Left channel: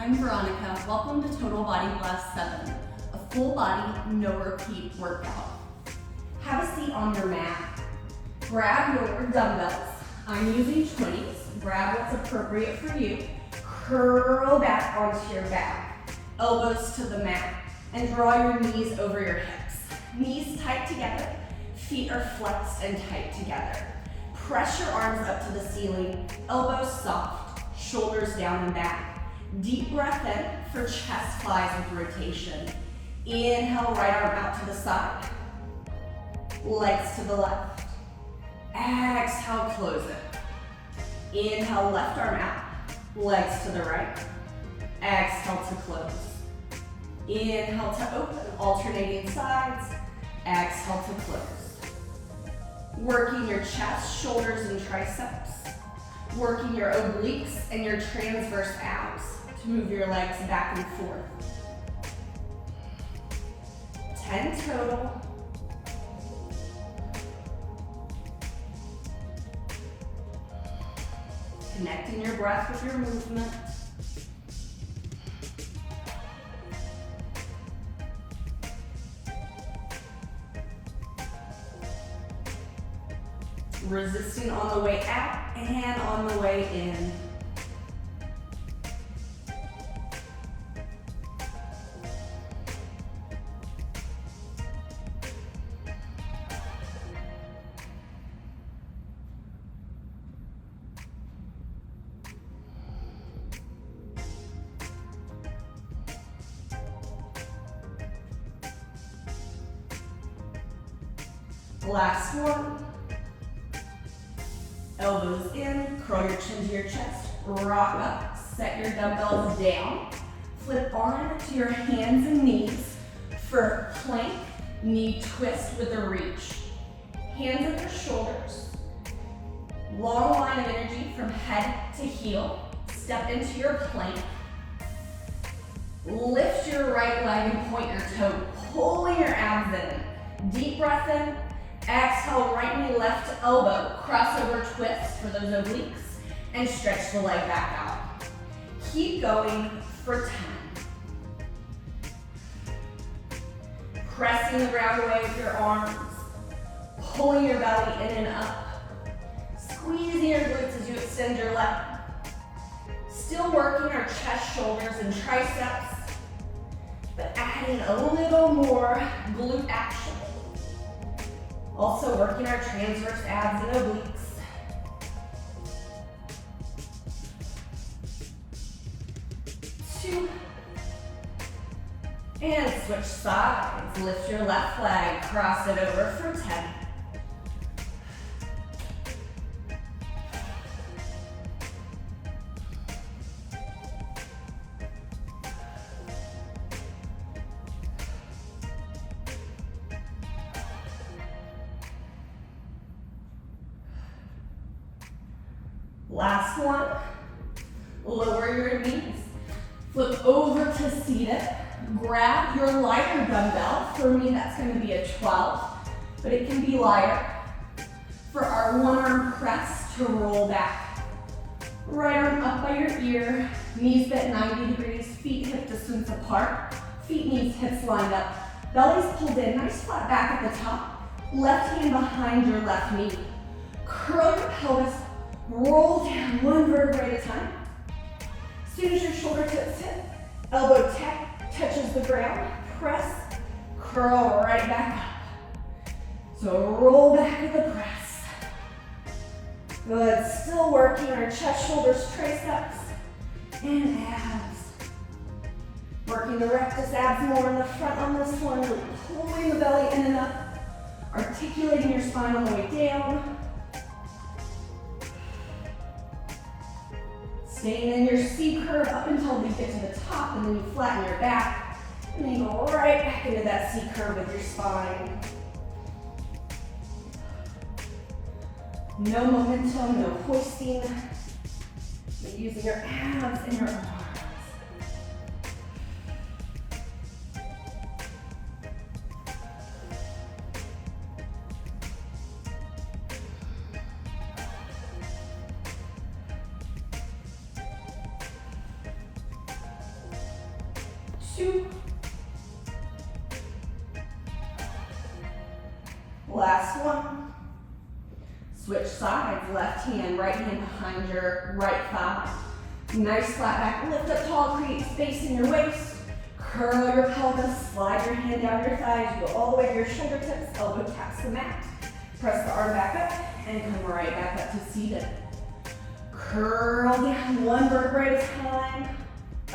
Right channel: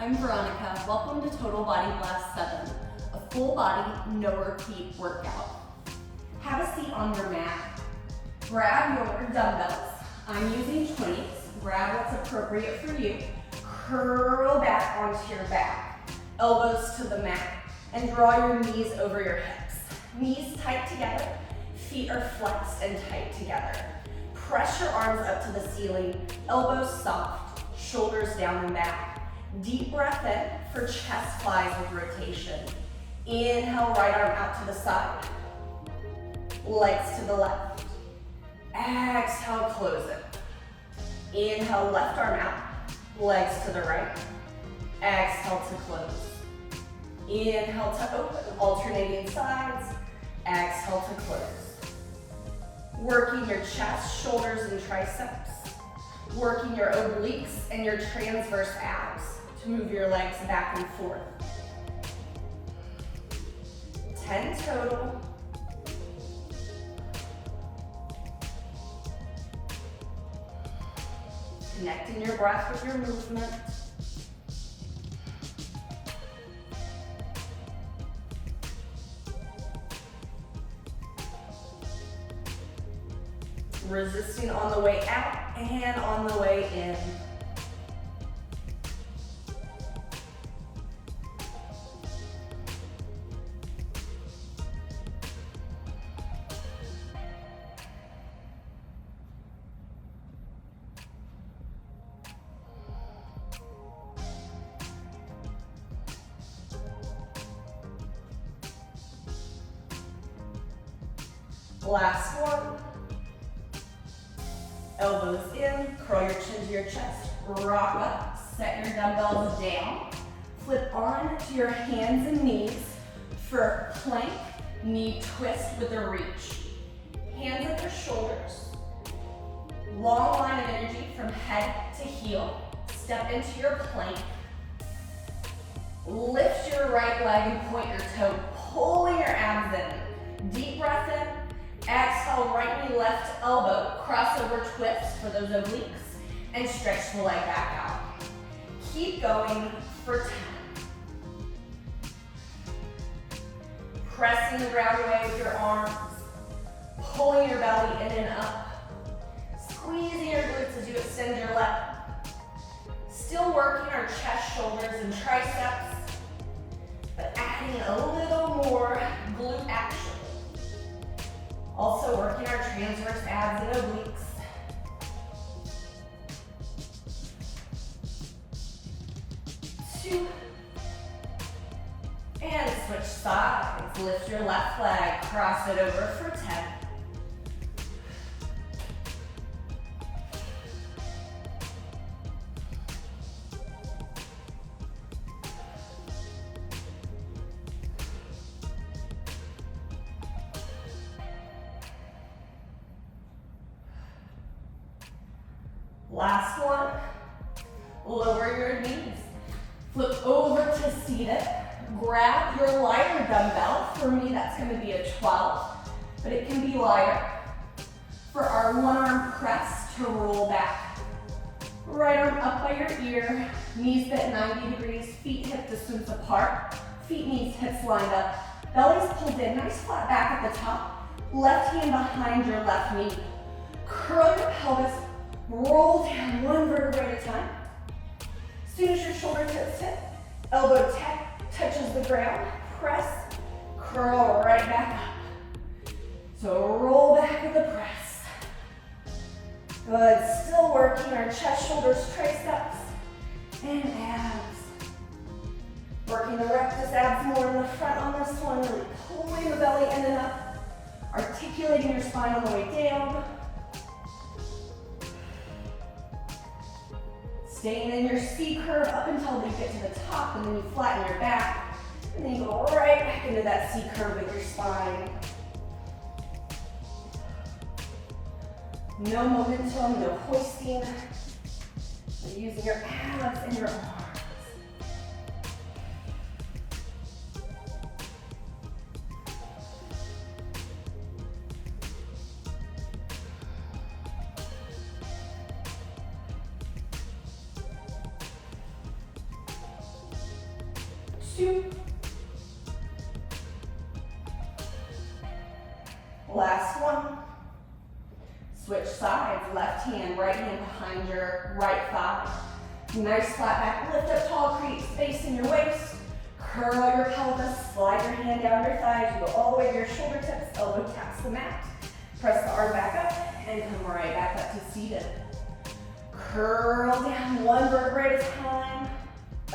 I'm Veronica. Welcome to Total Body Blast 7, a full body, no repeat workout. Have a seat on your mat. Grab your dumbbells. I'm using 20s. Grab what's appropriate for you. Curl back onto your back. Elbows to the mat. And draw your knees over your hips. Knees tight together. Feet are flexed and tight together. Press your arms up to the ceiling. Elbows soft. Shoulders down and back. Deep breath in for chest flies with rotation. Inhale, right arm out to the side. Legs to the left. Exhale, close it. Inhale, left arm out. Legs to the right. Exhale to close. Inhale to open, alternating sides. Exhale to close. Working your chest, shoulders, and triceps. Working your obliques and your transverse abs to move your legs back and forth. 10 total. Connecting your breath with your movement. Resisting on the way out and on the way in. Last one. Elbows in, curl your chin to your chest, rock up, set your dumbbells down, flip on to your hands and knees for plank, knee twist with a reach. Hands at your shoulders, long line of energy from head to heel, step into your plank, lift your right leg and point your toe, pulling your abs in, deep breath in. Exhale, right knee, left elbow, crossover twist for those obliques, and stretch the leg back out. Keep going for 10. Pressing the ground away with your arms, pulling your belly in and up, squeezing your glutes as you extend your leg. Still working our chest, shoulders, and triceps, but adding a little more glute action. Also working our transverse abs and obliques. Two. And switch sides. Lift your left leg, cross it over for 10. Last one, lower your knees, flip over to seated, grab your lighter dumbbell. For me, that's gonna be a 12, but it can be lighter. For our one arm press to roll back. Right arm up by your ear, knees bent 90 degrees, feet hip distance apart, feet, knees, hips lined up. Belly's pulled in, nice flat back at the top. Left hand behind your left knee. Curl your pelvis. Roll down one vertebrae at a time. As soon as your shoulder tips hit, elbow touches the ground, press, curl right back up. So roll back with a press. Good, still working our chest, shoulders, triceps, and abs. Working the rectus abs more in the front on this one, really pulling the belly in and up, articulating your spine on the way down. Staying in your C curve up until you get to the top, and then you flatten your back, and then you go right back into that C curve with your spine. No momentum, no hoisting. You're using your abs and your arms. 2. Last one. Switch sides, left hand, right hand behind your right thigh. Nice flat back, lift up tall, create space in your waist. Curl your pelvis, slide your hand down your thighs, you go all the way to your shoulder tips, elbow taps the mat. Press the arm back up and come right back up to seated. Curl down one vertebrae at a time,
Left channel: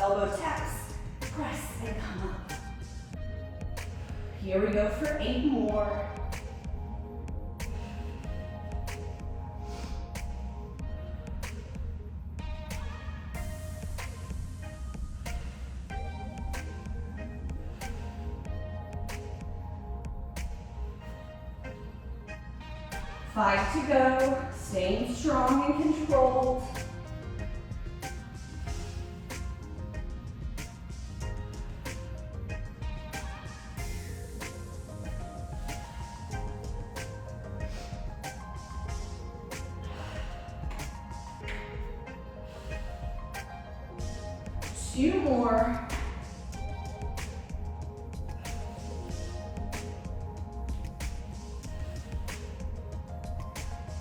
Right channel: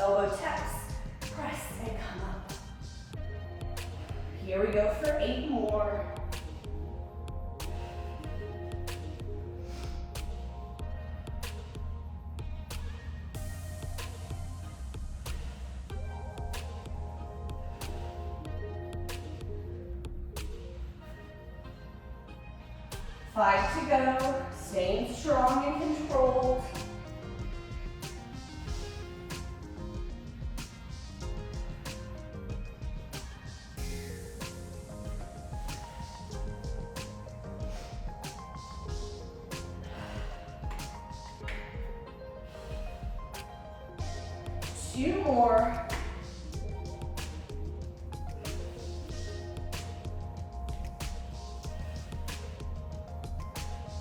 elbow taps, press and come up. Here we go for 8 more. Five to go, staying strong and controlled. Two more.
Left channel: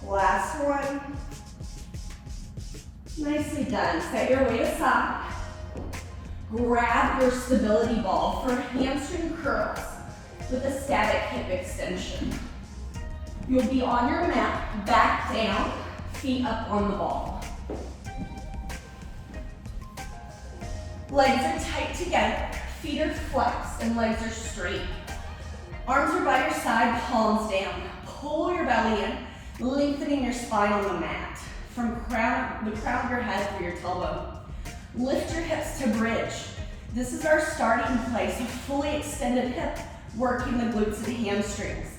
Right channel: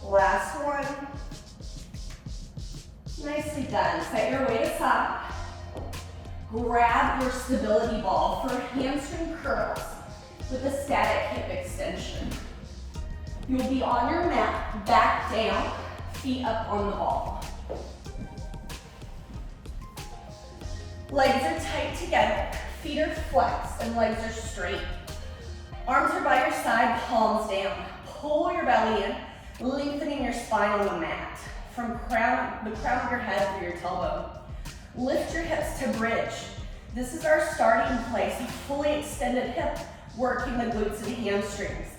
Last one. Nicely done. Set your weight aside. Grab your stability ball for hamstring curls with a static hip extension. You'll be on your mat, back down, feet up on the ball. Legs are tight together, feet are flexed, and legs are straight. Arms are by your side, palms down. Pull your belly in, lengthening your spine on the mat. From the crown of your head through your tailbone. Lift your hips to bridge. This is our starting place, a fully extended hip, working the glutes and the hamstrings.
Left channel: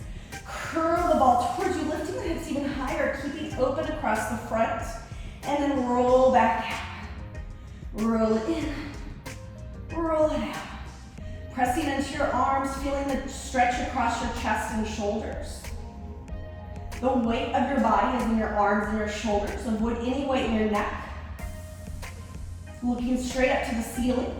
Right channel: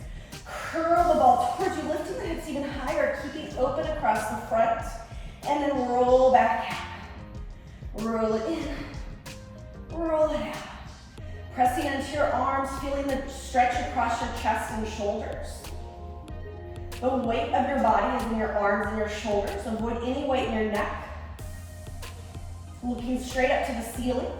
Curl the ball towards you, lifting the hips even higher, keeping open across the front, and then roll back out. Roll it in, roll it out. Pressing into your arms, feeling the stretch across your chest and shoulders. The weight of your body is in your arms and your shoulders. Avoid any weight in your neck. Looking straight up to the ceiling.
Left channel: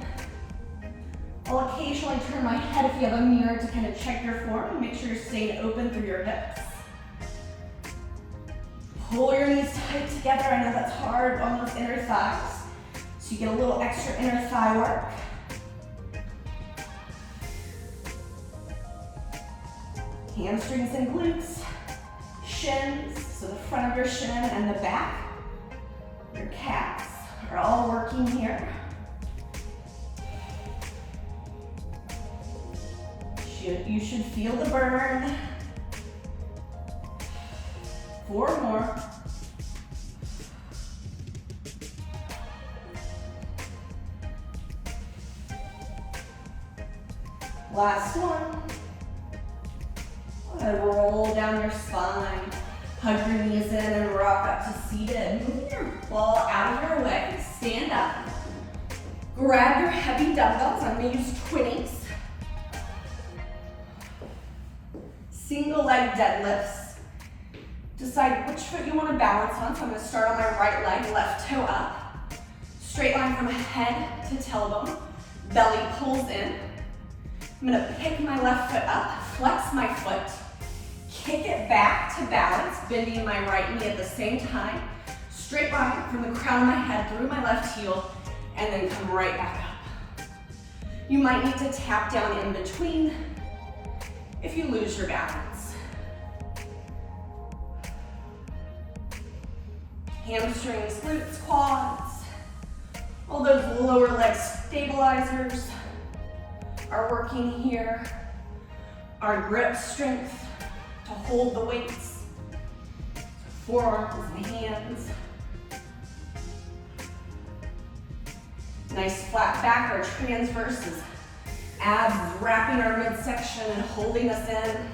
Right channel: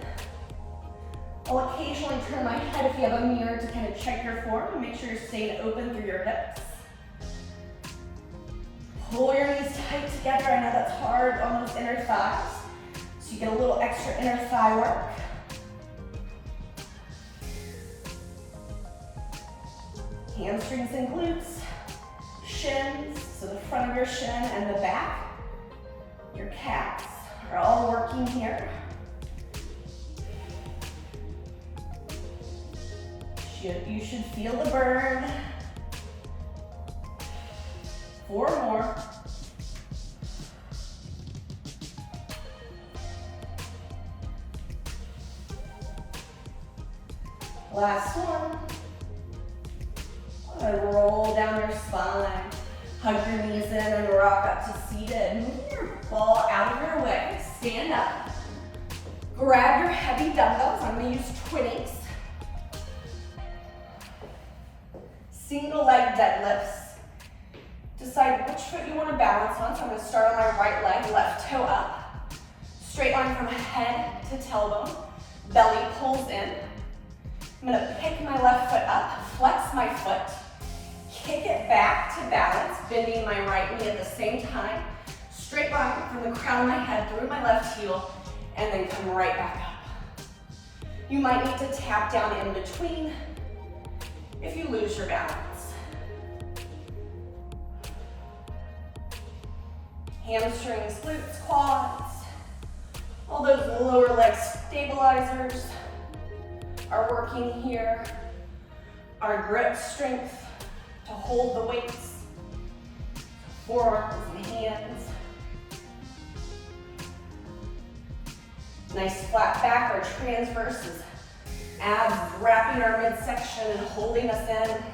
I'll occasionally turn my head if you have a mirror to kind of check your form and make sure you're staying open through your hips. Pull your knees tight together. I know that's hard on those inner thighs. So you get a little extra inner thigh work. Hamstrings and glutes. Shins, so the front of your shin and the back, your calves are all working here. You should feel the burn. 4 more. Last one. And roll down your spine. Hug your knees in and rock up to seated. Move your ball out of your way. Stand up. Grab your heavy dumbbells. I'm going to use 20s. Single leg deadlifts. Decide which foot you want to balance on. So I'm going to start on my right leg, left toe up. Straight line from head to tailbone. Belly pulls in. I'm going to pick my left foot up, flex my foot. Kick it back to balance, bending my right knee at the same time. Straight line from the crown of my head through my left heel, and then come right back up. You might need to tap down in between if you lose your balance. Hamstrings, glutes, quads. All those lower leg stabilizers are working here. Our grip strength to hold the weights, forearms and hands. Nice flat back or transverses. Abs wrapping our midsection and holding us in.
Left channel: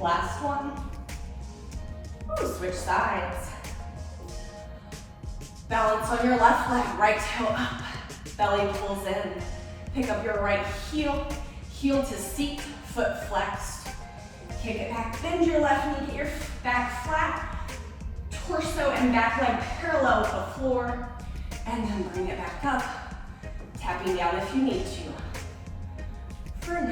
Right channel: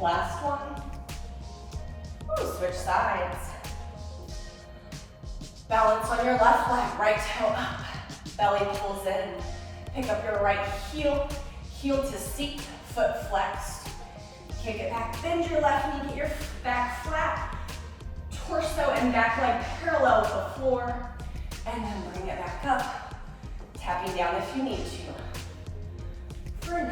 Last one. Switch sides. Balance on your left leg, right toe up. Belly pulls in. Pick up your right heel. Heel to seat, foot flexed. Kick it back, bend your left knee, get your back flat. Torso and back leg parallel with the floor. And then bring it back up. Tapping down if you need to. For 9.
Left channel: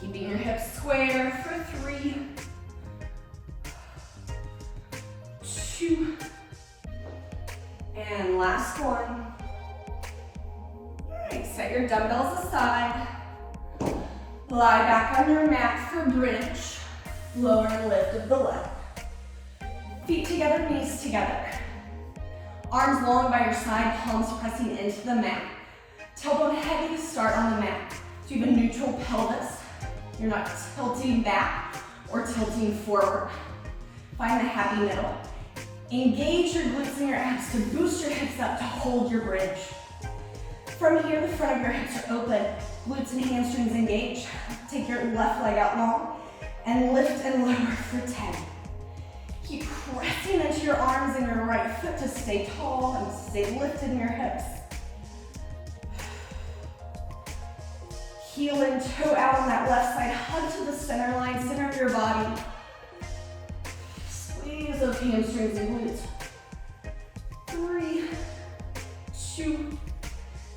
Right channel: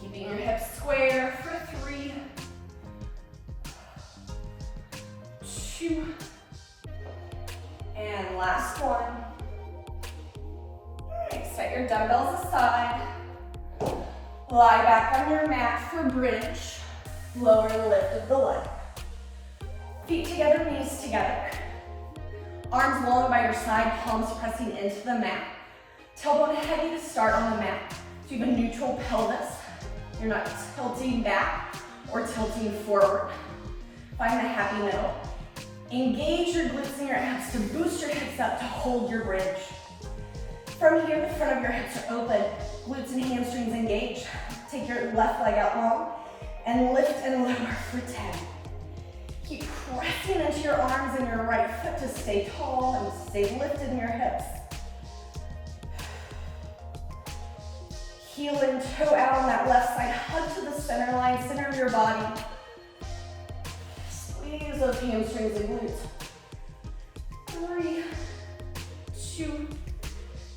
Keeping your hips square for 3, 2, and last one. All right, set your dumbbells aside. Lie back on your mat for bridge. Lower and lift of the leg. Feet together, knees together. Arms long by your side, palms pressing into the mat. Tailbone heavy to start on the mat. So you have a neutral pelvis. You're not tilting back or tilting forward. Find the happy middle. Engage your glutes and your abs to boost your hips up to hold your bridge. From here, the front of your hips are open. Glutes and hamstrings engage. Take your left leg out long and lift and lower for 10. Keep pressing into your arms and your right foot to stay tall and stay lifted in your hips. Heel and toe out on that left side. Hug to the center line, center of your body. Squeeze those hamstrings and glutes. 3, 2,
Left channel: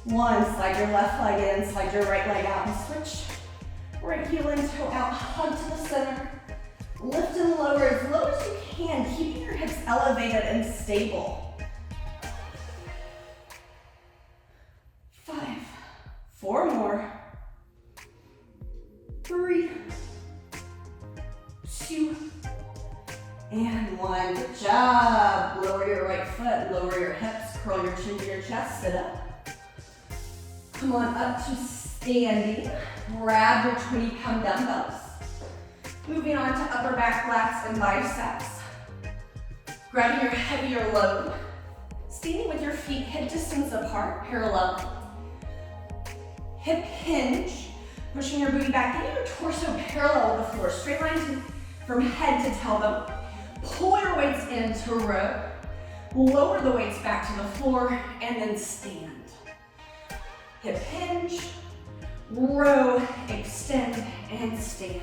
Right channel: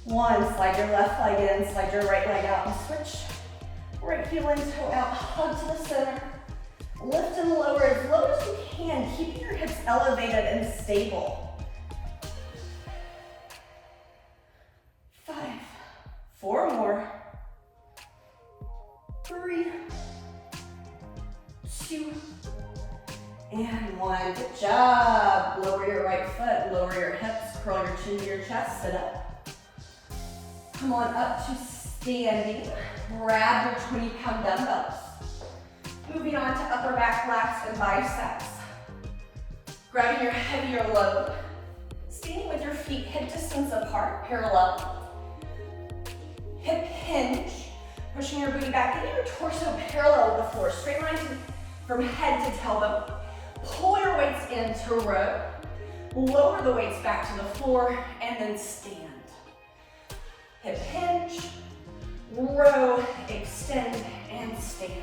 1. Slide your left leg in, slide your right leg out and switch. Right heel and toe out, hug to the center. Lift and lower as low as you can, keeping your hips elevated and stable. 5, 4 more. 3, 2, and 1. Good job. Lower your right foot, lower your hips, curl your chin to your chest, sit up. Come on up to standing. Grab your 20-pound dumbbells. Moving on to upper back, lats, and biceps. Grabbing your heavier load. Standing with your feet hip distance apart, parallel. Hip hinge. Pushing your booty back, getting your torso parallel with the floor. Straight line from head to tailbone. Pull your weights into row. Lower the weights back to the floor, and then stand. Hip hinge, row, extend, and stand.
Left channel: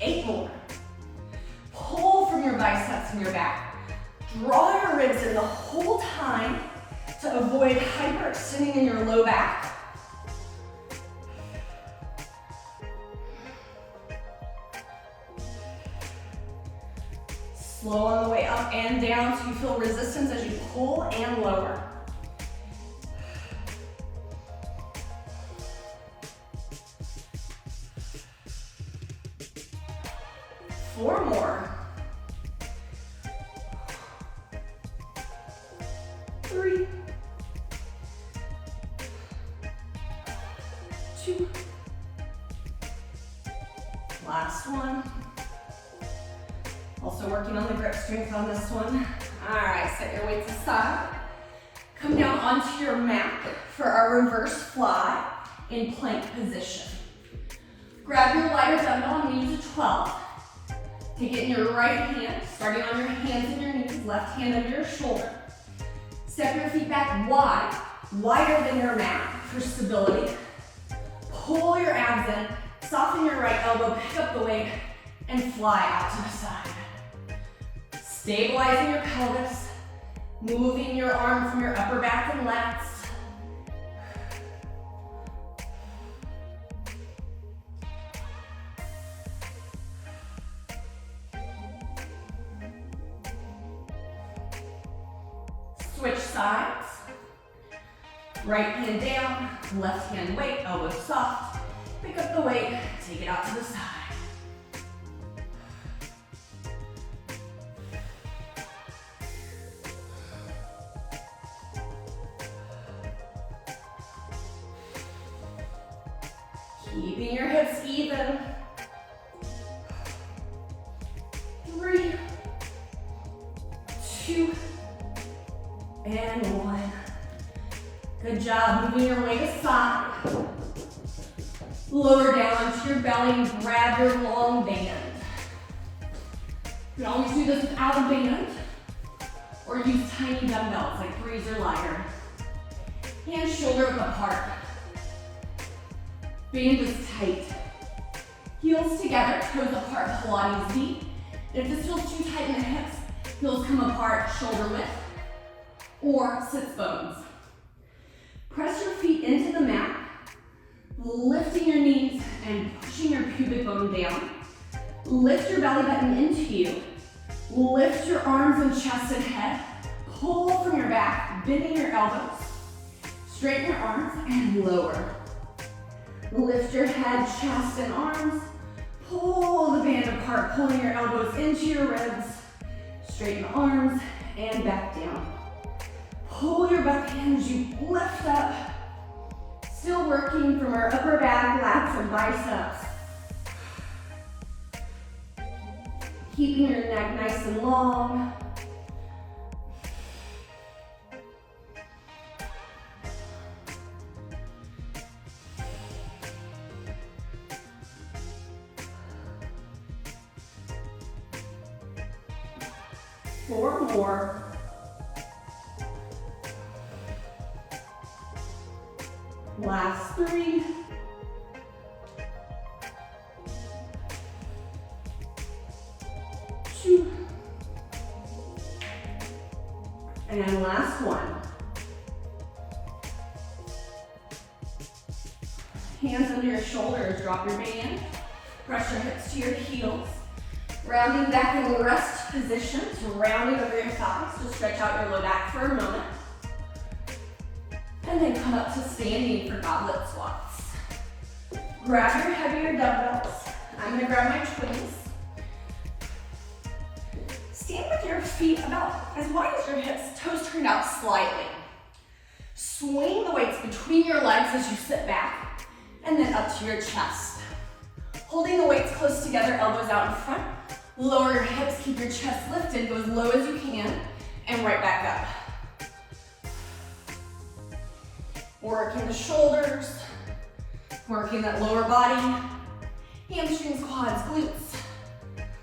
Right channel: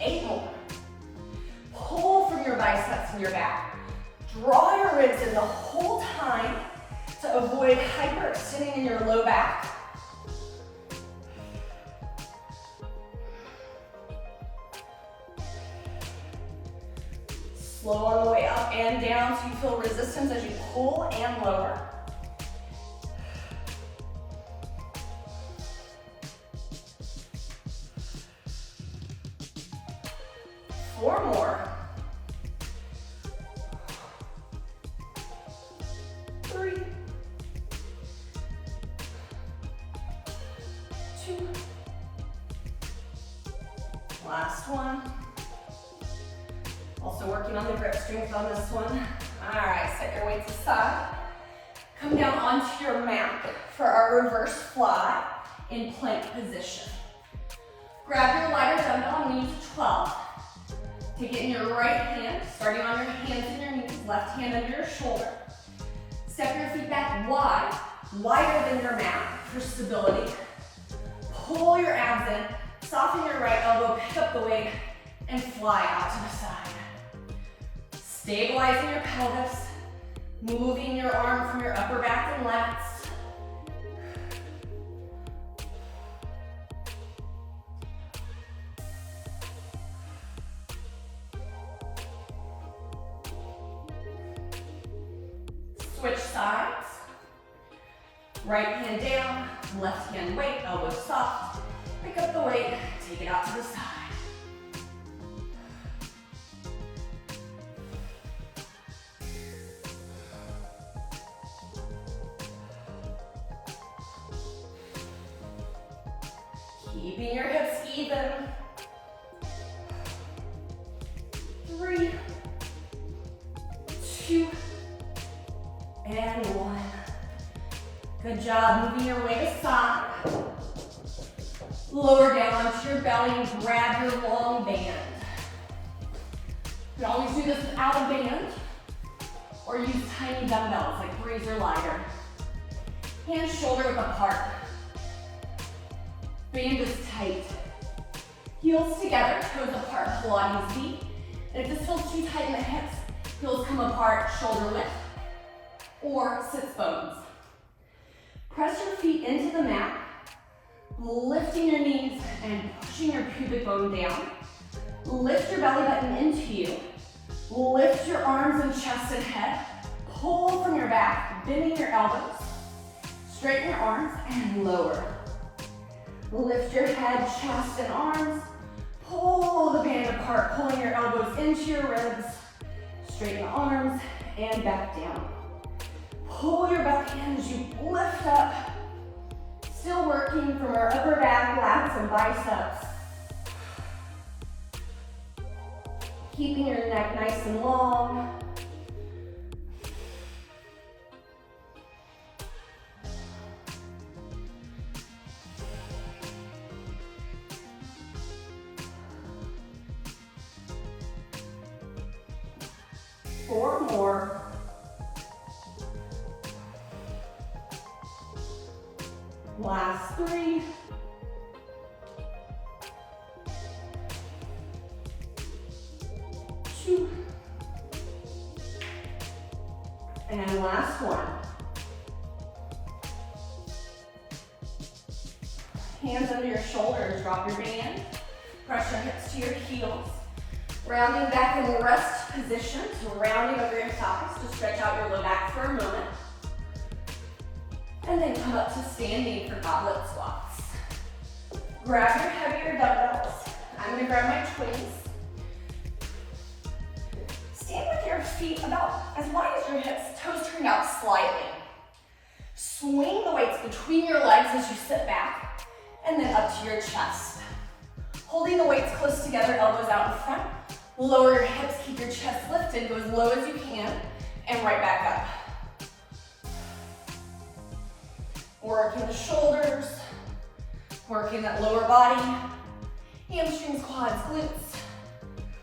8 more. Pull from your biceps and your back. Draw your ribs in the whole time to avoid hyperextending in your low back. Slow on the way up and down so you feel resistance as you pull and lower. Four more. 3, 2. Last one. Also working on the grip strength on this one. All right, set your weights aside. Come down onto your mat for our reverse fly in plank position. Grab your lighter dumbbell and use a 12. Take it in your right hand, starting on your hands and your knees, left hand under your shoulder. Step your feet back wide, wider than your mat for stability. Pull your abs in, soften your right elbow, pick up the weight, and fly out to the side. Stabilizing your pelvis, moving your arm from your upper back and lats. Switch sides. Right hand down, left hand weight, elbow soft. Pick up the weight, take it out to the side. Keeping your hips even. 3, 2, And one. Good job, moving your weight aside. Lower down onto your belly and grab your long band. You can always do this without a band, or use tiny dumbbells like 3s or lighter. Hands shoulder width apart. Band is tight. Heels together, toes apart, Pilates V. And if this feels too tight in the hips, heels come apart, shoulder width, or sits bones. Press your feet into the mat, lifting your knees and pushing your pubic bone down. Lift your belly button into you. Lift your arms and chest and head. Pull from your back, bending your elbows. Straighten your arms and lower. Lift your head, chest, and arms. Pull the band apart, pulling your elbows into your ribs. Straighten the arms and back down. Pull your back in as you lift up. Still working from our upper back, lats, and biceps. Keeping your neck nice and long. Four more. Last 3. Two. And then last 1. Hands under your shoulders, drop your band. Press your hips to your heels. Rounding back in the rest position, so rounding over your thighs to stretch out your low back for a moment. And then come up to standing for goblet squats. Grab your heavier dumbbells. I'm gonna grab my twins. Stand with your feet about as wide as your hips, toes turned out slightly. Swing the weights between your legs as you sit back, and then up to your chest. Holding the weights close together, elbows out in front. Lower your hips, keep your chest lifted, go as low as you can, and right back up. Working the shoulders, working that lower body, hamstrings, quads, glutes.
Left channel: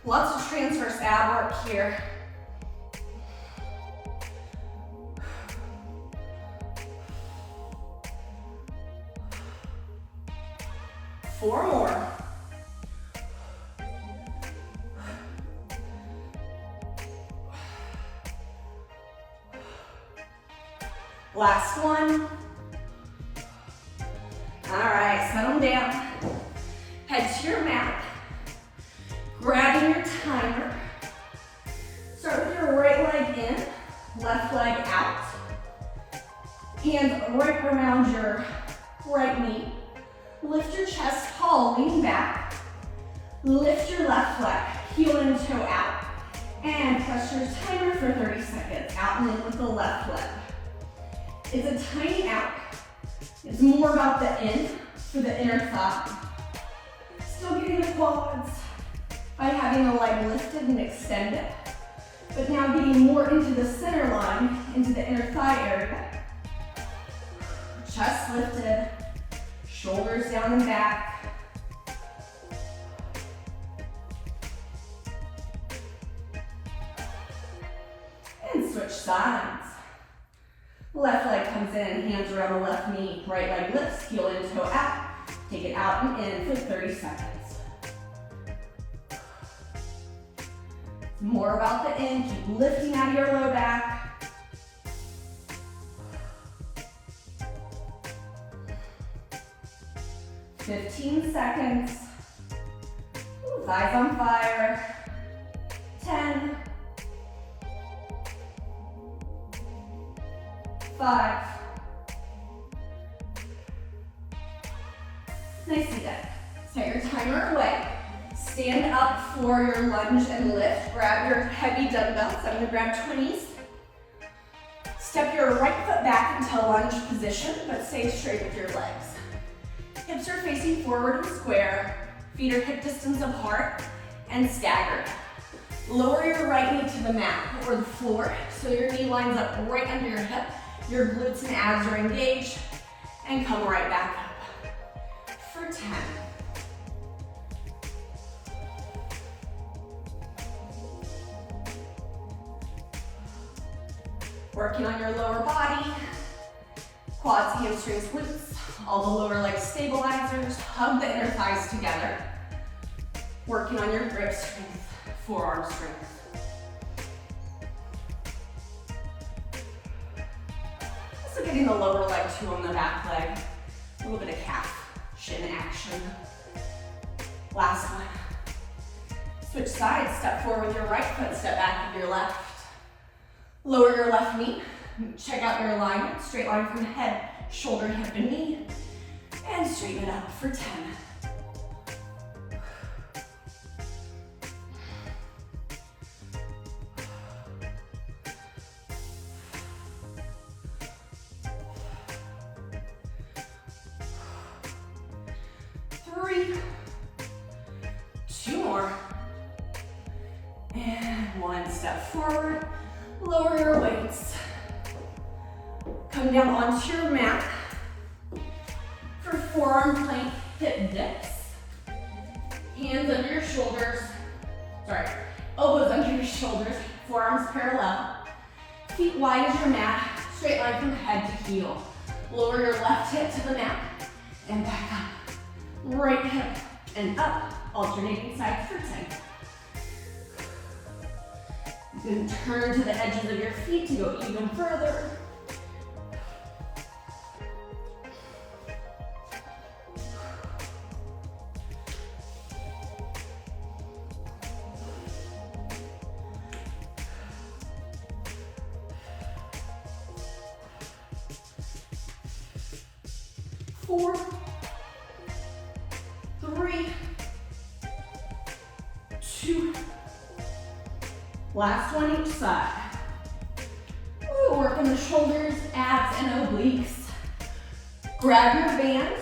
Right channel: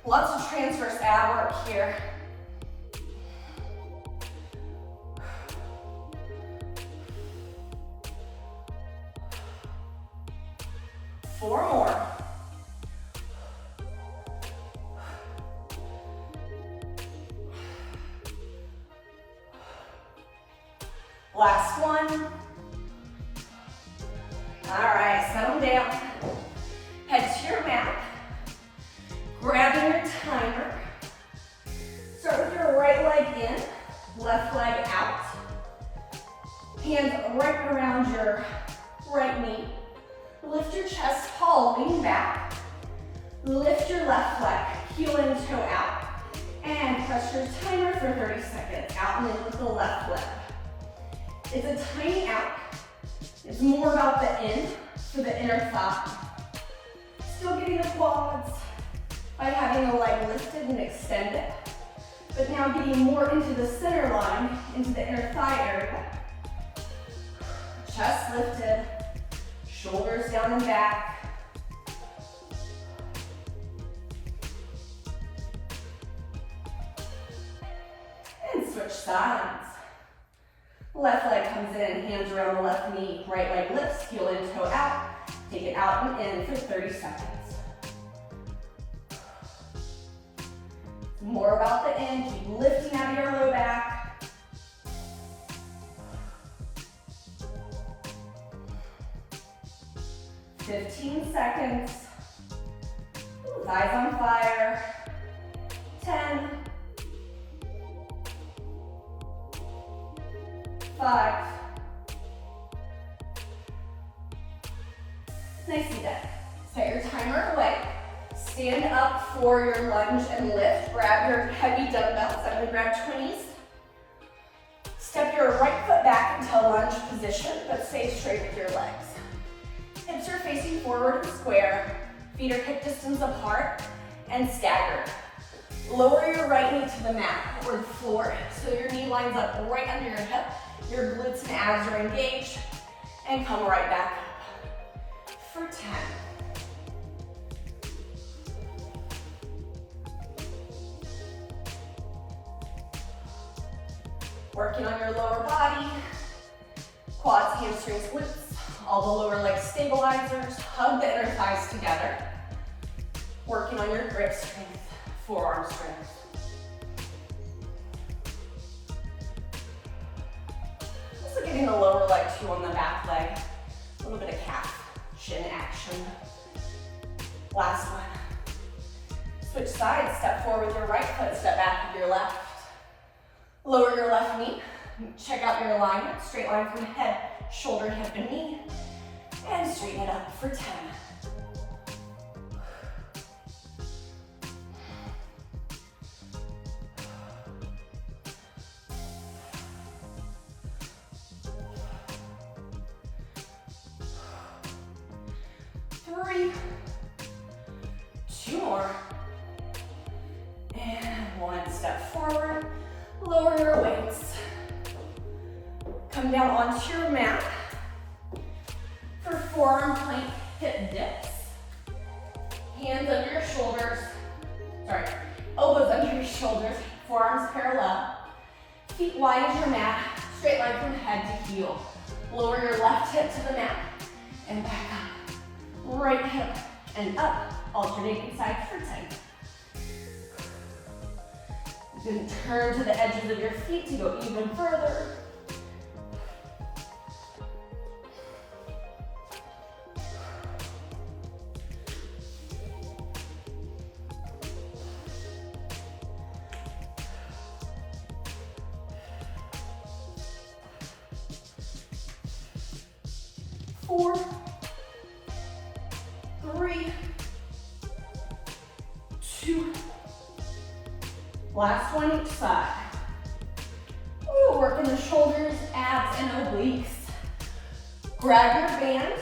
Lots of transverse ab work here. Four more. Last one. All right, settle down. Head to your mat. Grabbing your timer. Start with your right leg in, left leg out. Hands right around your right knee. Lift your chest tall, lean back. Lift your left leg, heel and toe out. And press your timer for 30 seconds. Out and in with the left leg. It's a tiny out. It's more about the end for the inner thigh. Still getting the quads by having the leg lifted and extended, but now getting more into the center line, into the inner thigh area. Chest lifted, shoulders down and back. And switch sides. Left leg comes in, hands around the left knee, right leg lifts, heel in, toe out. Take it out and in for 30 seconds. More about the end, keep lifting out of your low back. $15 seconds. Thighs on fire. 10. 5. Nicely done. Set your timer away. Stand up for your lunge and lift. Grab your heavy dumbbells. I'm gonna grab 20s. Step your right foot back into lunge position, but stay straight with your legs. Hips are facing forward and square. Feet are hip distance apart and staggered. Lower your right knee to the mat or the floor so your knee lines up right under your hip. Your glutes and abs are engaged. And come right back up for 10. Working on your lower body, quads, hamstrings, glutes, all the lower leg stabilizers. Hug the inner thighs together. Working on your grip strength, forearm strength. Also getting the lower leg too on the back leg. A little bit of calf, shin action. Last one. Switch sides, step forward with your right foot, step back with your left. Lower your left knee, check out your alignment, straight line from head, shoulder, hip, and knee, and straighten it up for 10. Three, 2 more, and 1 step forward. Lower your weights. Come down onto your mat for forearm plank hip dips. Hands under your shoulders. Sorry, elbows under your shoulders, forearms parallel. Feet wide as your mat, straight line from head to heel. Lower your left hip to the mat and back up. Right hip and up, alternating sides for 10. Then turn to the edges of your feet to go even further. Four, 3, 2, last one each side. Ooh, working the shoulders, abs, and obliques. Grab your band,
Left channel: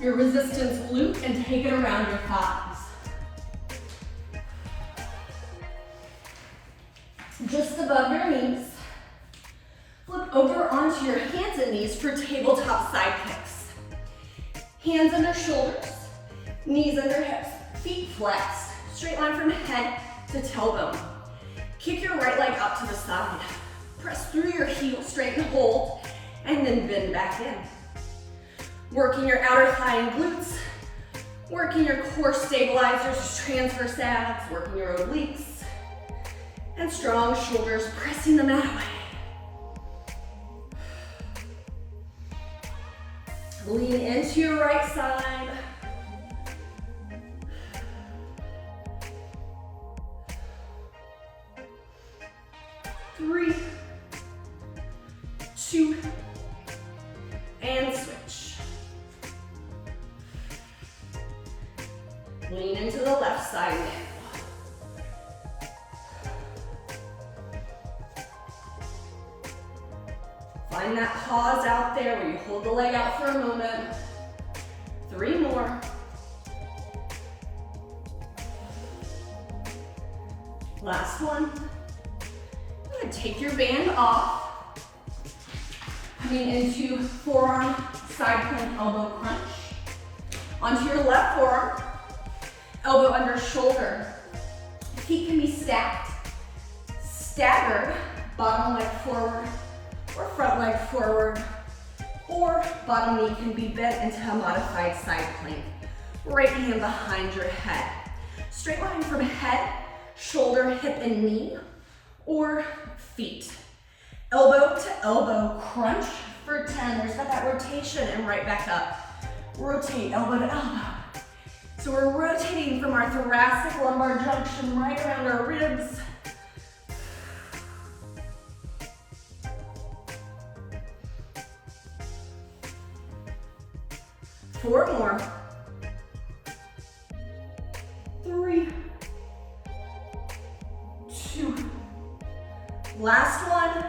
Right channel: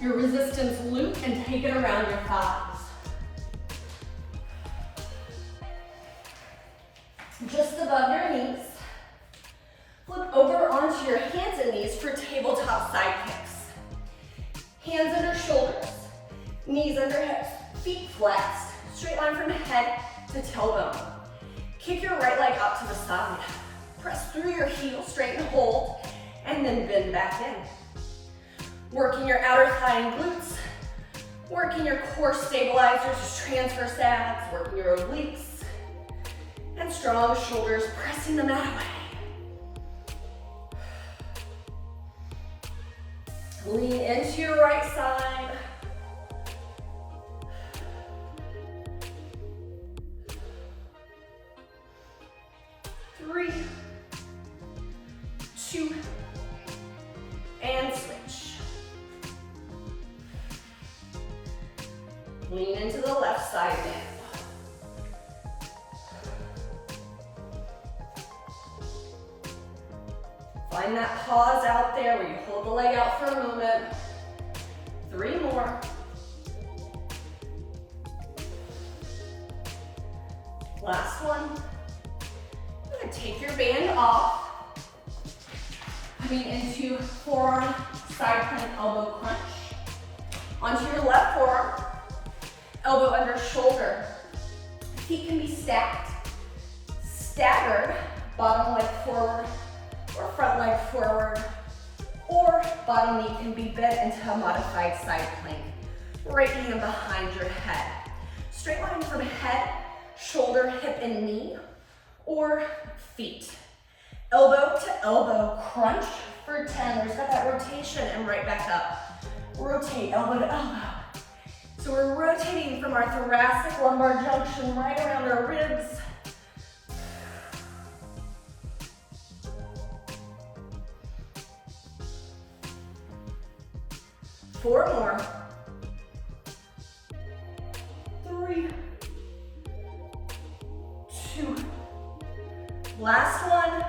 your resistance loop, and take it around your thighs. Just above your knees. Flip over onto your hands and knees for tabletop side kicks. Hands under shoulders, knees under hips, feet flexed, straight line from head to tailbone. Kick your right leg up to the side. Press through your heel, straighten, hold, and then bend back in. Working your outer thigh and glutes, working your core stabilizers, transverse abs, working your obliques, and strong shoulders, pressing the mat away. Lean into your right side. Three, 2, and switch. Lean into the left side now. Find that pause out there where you hold the leg out for a moment. 3 more. Last one. Take your band off, coming into forearm side plank elbow crunch. Onto your left forearm, elbow under shoulder. Feet can be stacked, staggered, bottom leg forward or front leg forward, or bottom knee can be bent into a modified side plank. Right hand behind your head. Straight line from head, shoulder, hip, and knee, or feet. Elbow to elbow crunch for 10. There's that rotation and right back up. Rotate elbow to elbow. So we're rotating from our thoracic lumbar junction right around our ribs. Four more. 3, 2, last one.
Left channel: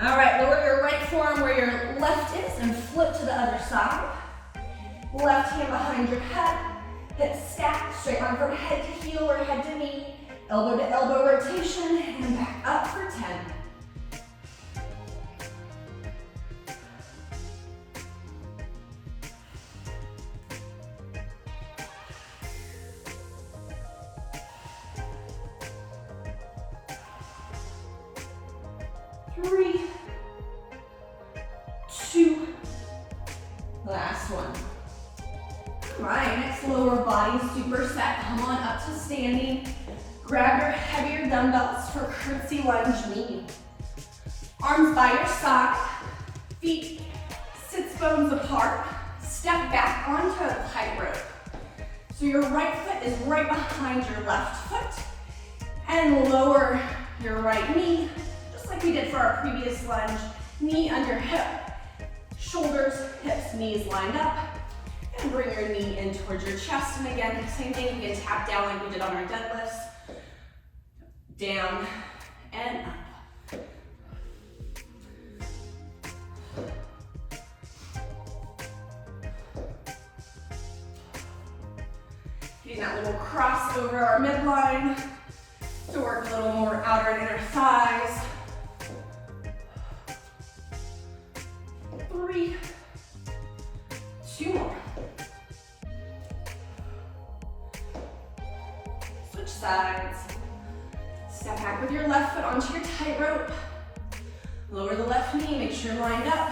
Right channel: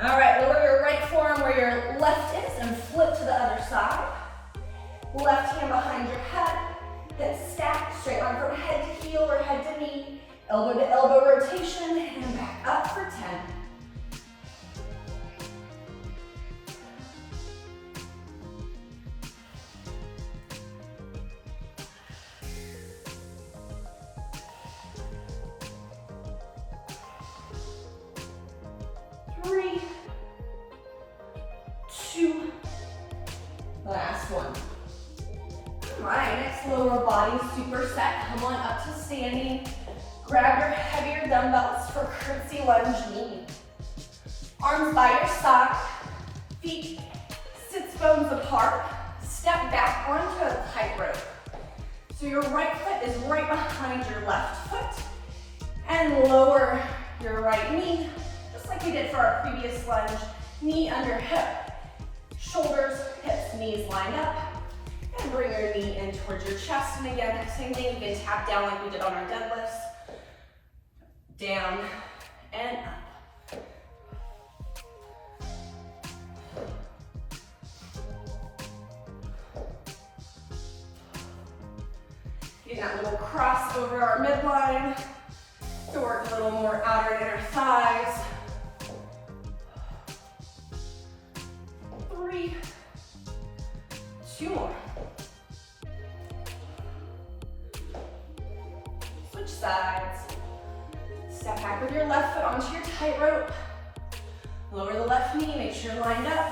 All right, lower your right forearm where your left is and flip to the other side. Left hand behind your head, hips stacked, straight line from head to heel or head to knee. Elbow to elbow rotation and back up for 10. Three, two, last one. All right, next lower body superset. Come on up to standing. Grab your heavier dumbbells for curtsy lunge knee. Arms by your side, feet sits bones apart. Step back onto a tightrope. So your right foot is right behind your left foot. And lower your right knee, just like we did for our previous lunge. Knee under hip, shoulders, hips, knees lined up. And bring your knee in towards your chest. And again, same thing, you can tap down like we did on our deadlifts. Down and up. Getting that little cross over our midline to work a little more outer and inner thighs. 3, 2 more. Switch sides. Step back with your left foot onto your tightrope. Lower the left knee, make sure you're lined up.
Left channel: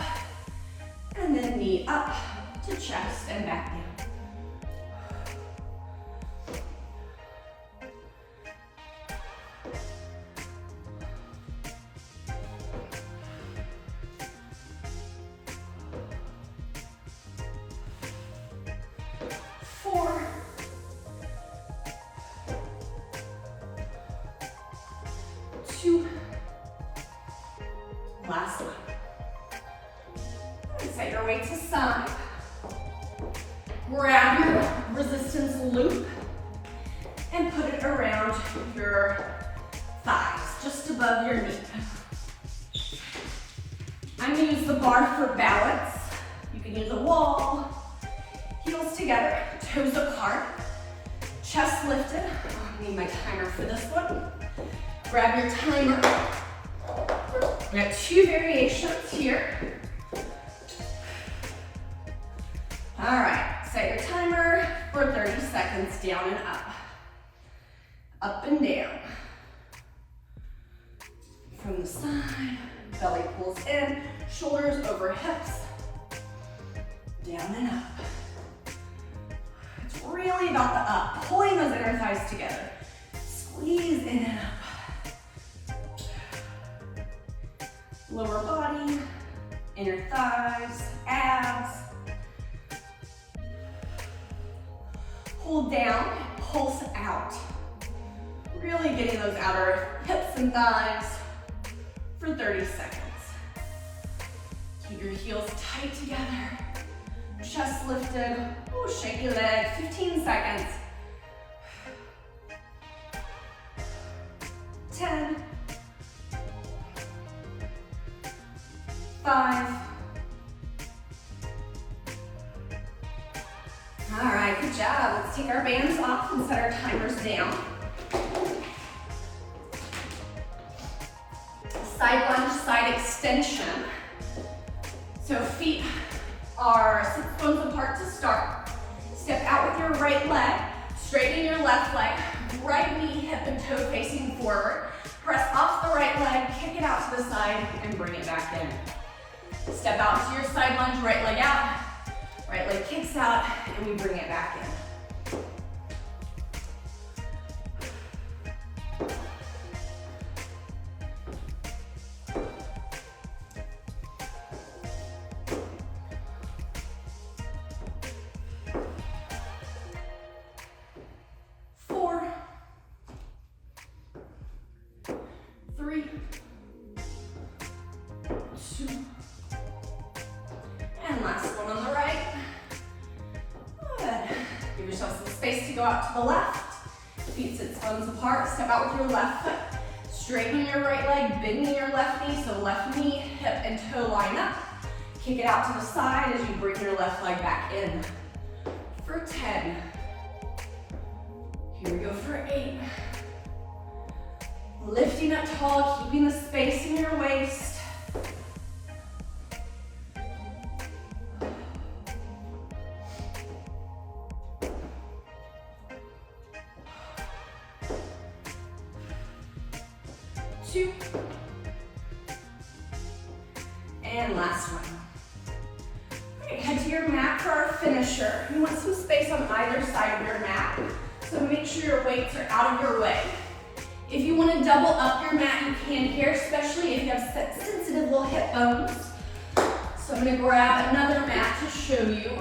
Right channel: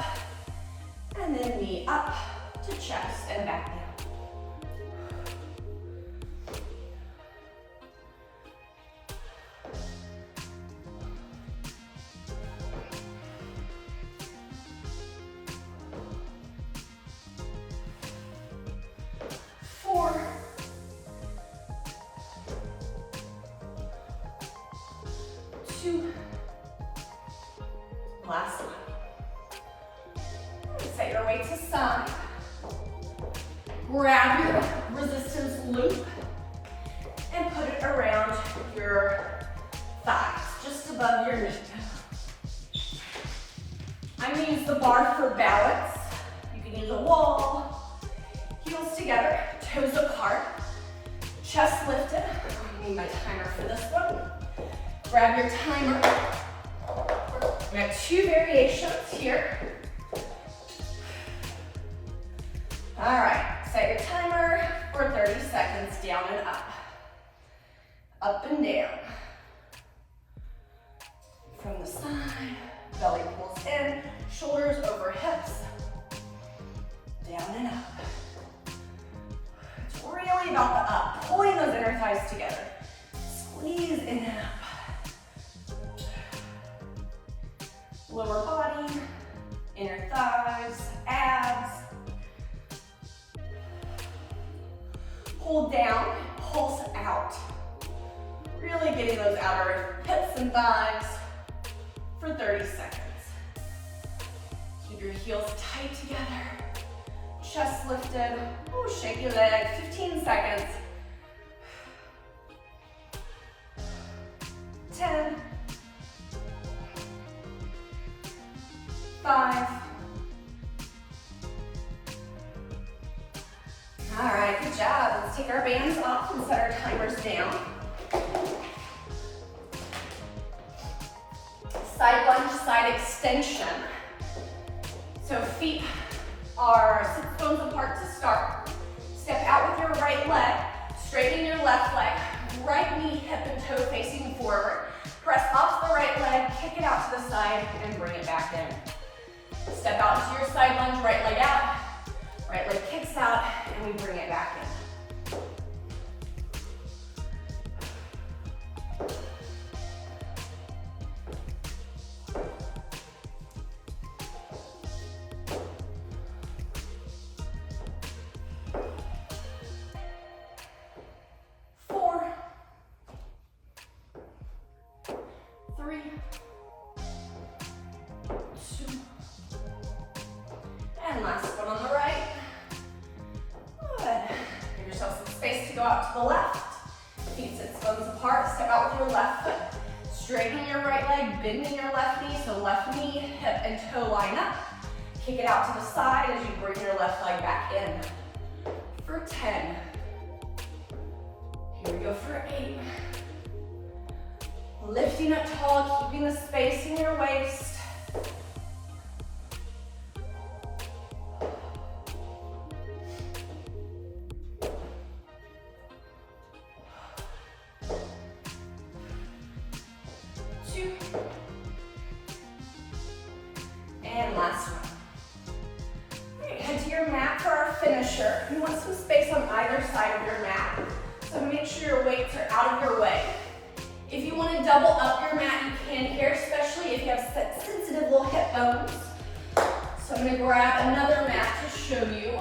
And then knee up to chest and back down. Last one. Set your weight to side. Grab your resistance loop and put it around your thighs, just above your knee. I'm going to use the bar for balance. You can use a wall. Heels together, toes apart, chest lifted. I need my timer for this one. Grab your timer. We have 2 variations here. All right, set your timer for 30 seconds, down and up and down. From the side, belly pulls in, shoulders over hips, down and up. It's really about the up, pulling those inner thighs together. Squeeze in and up. Lower body, inner thighs, abs. Pull down, pulse out. Really getting those outer hips and thighs for 30 seconds. Keep your heels tight together. Chest lifted. Ooh, shake your legs, 15 seconds. 10. 5. All right, good job. Let's take our bands off and set our timers down. Side lunge, side extension. So feet are 6 bones apart to start. Step out with your right leg, straighten your left leg, right knee, hip and toe facing forward. Press off the right leg, kick it out to the side, and bring it back in. Step out to your side lunge, right leg out, right leg kicks out, and we bring it back in. To the left, feet sit bones apart, step out with your left foot, straighten your right leg, bending your left knee, so left knee, hip and toe line up, kick it out to the side as you bring your left leg back in for 10, here we go for 8, Lifting up tall, keeping the space in your waist. Two. And last one. All right, head to your mat for our finisher. You want some space on either side of your mat, so make sure your weights are out of your way. If you want to double up your mat, you can here, especially if you have sensitive little hip bones. So I'm going to grab another mat to show you.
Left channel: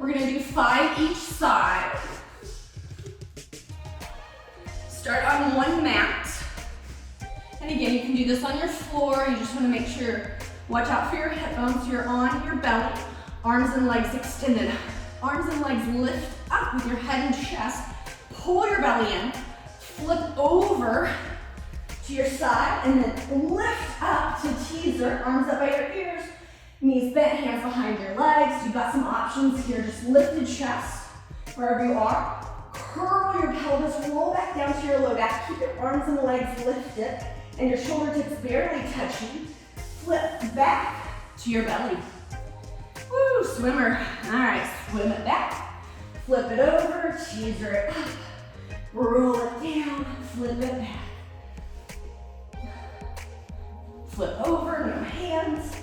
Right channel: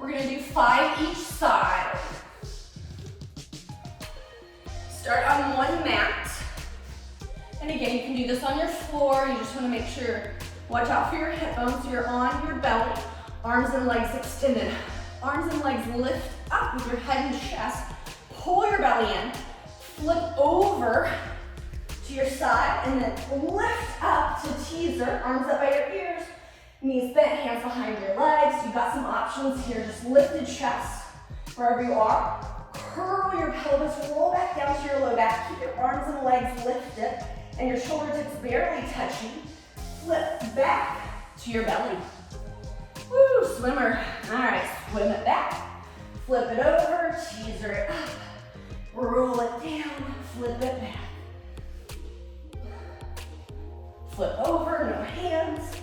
We're going to do 5 each side. Start on one mat. And again, you can do this on your floor. You just want to make sure, watch out for your hip bones. So you're on your belly, arms and legs extended. Arms and legs lift up with your head and chest. Pull your belly in. Flip over to your side and then lift up to teaser. Arms up by your ears. Knees bent, hands behind your legs. You've got some options here. Just lifted chest wherever you are. Curl your pelvis, roll back down to your low back. Keep your arms and legs lifted and your shoulder tips barely touching. Flip back to your belly. Woo, swimmer. All right, swim it back. Flip it over, teaser it up. Roll it down, flip it back. Flip over, no hands.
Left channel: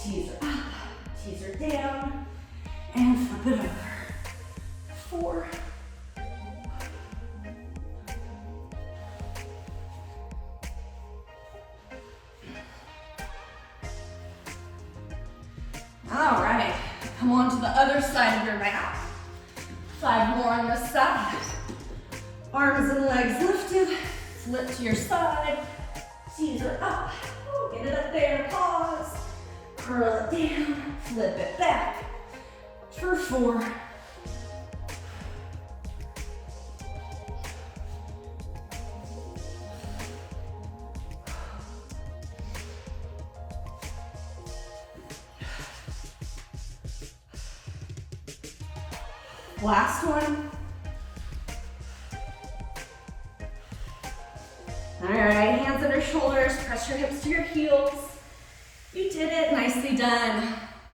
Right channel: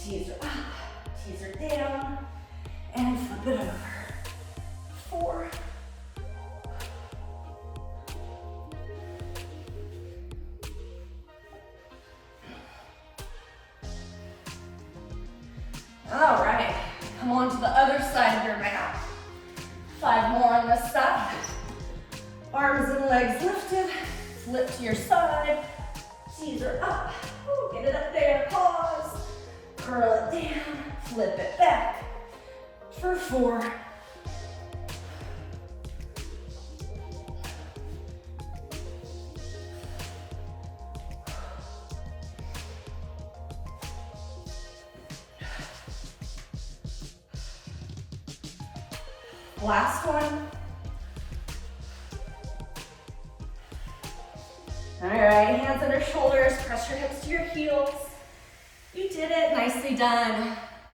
Teaser up, teaser down, and flip it over. 4. All right, come on to the other side of your mat. 5 more on this side. Arms and legs lifted, flip to your side, teaser up. Ooh, get it up there, pause. Curl it down, flip it back for 4. Last one. All right, hands under shoulders, press your hips to your heels. You did it, nicely done.